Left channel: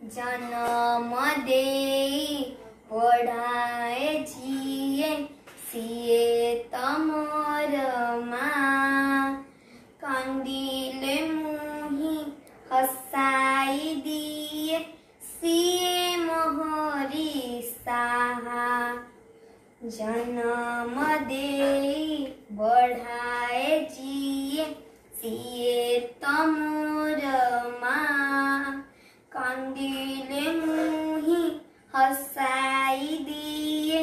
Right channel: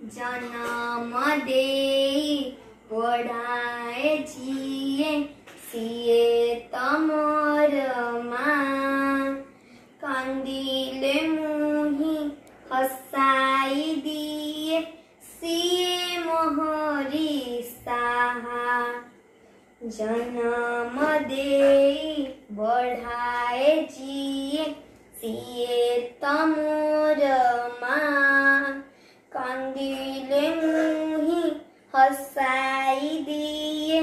जन्म दे पढ़ाए जिए सिए तमर माँ कंदिले मुही हसाई दिए सिए मोहरी साहा जन्म दे बढ़ाए जिए सिए तमर माँ कंदिले मुही हसाई दिए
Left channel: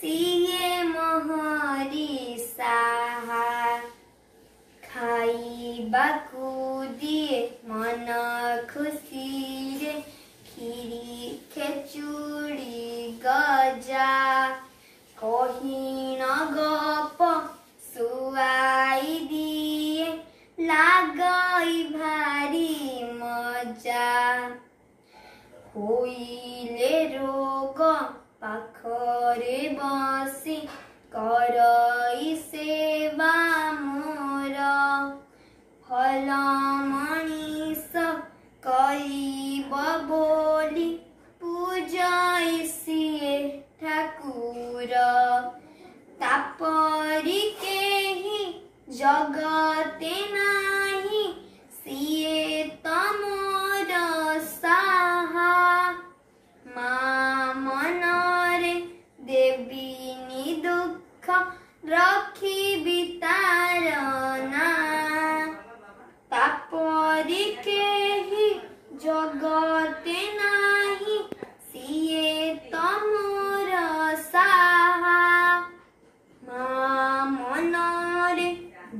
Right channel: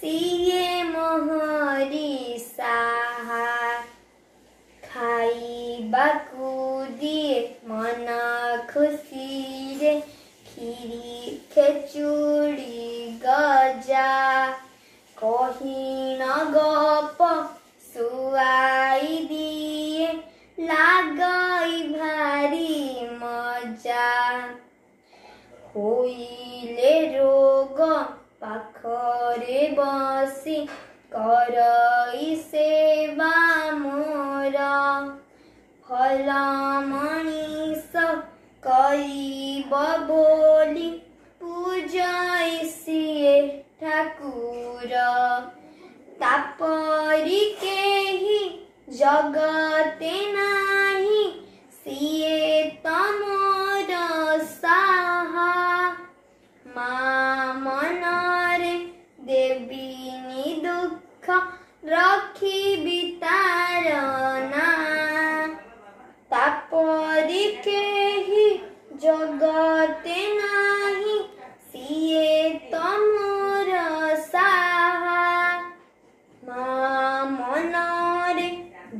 सिए मोहरी साहा खाइबाकु दिए मन खुशी रे खीरी खेचुड़ी गजा कही न गप सुआई दिए लागई भारी मजा होइले रोग पाखरे बसी करई सेवा मोर फल मनीष करीब बोली पूजाई सिए ठाकुर तापरी केही जगते नाही सिए तमोर साहा माँ मनरे देवीनी दुख रखी बितारना तापरी केही जगते नाही सिए तमोर साहा माँ मनरे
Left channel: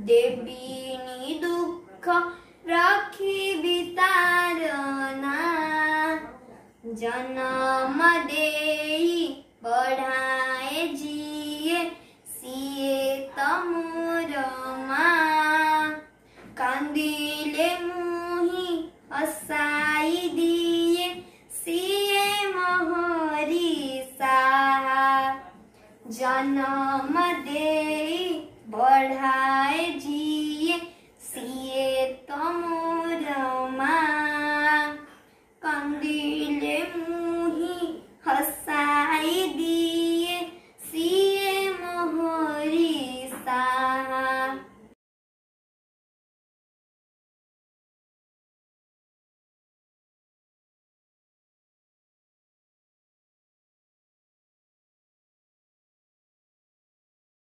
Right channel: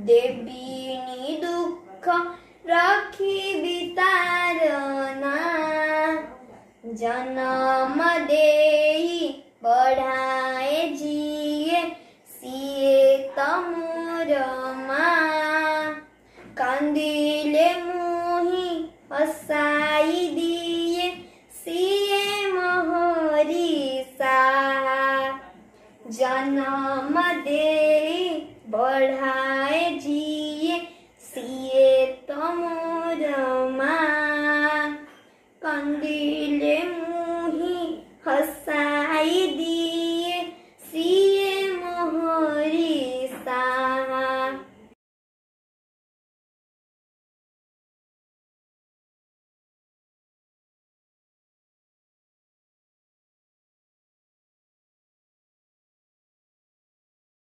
देवीनी दुख रखी बितारना जन्म देई बढ़ाए जिए सिए तमोर माँ कंदिले मुही हसाई दिए सिए मोहरी साहा जन्म देई बढ़ाए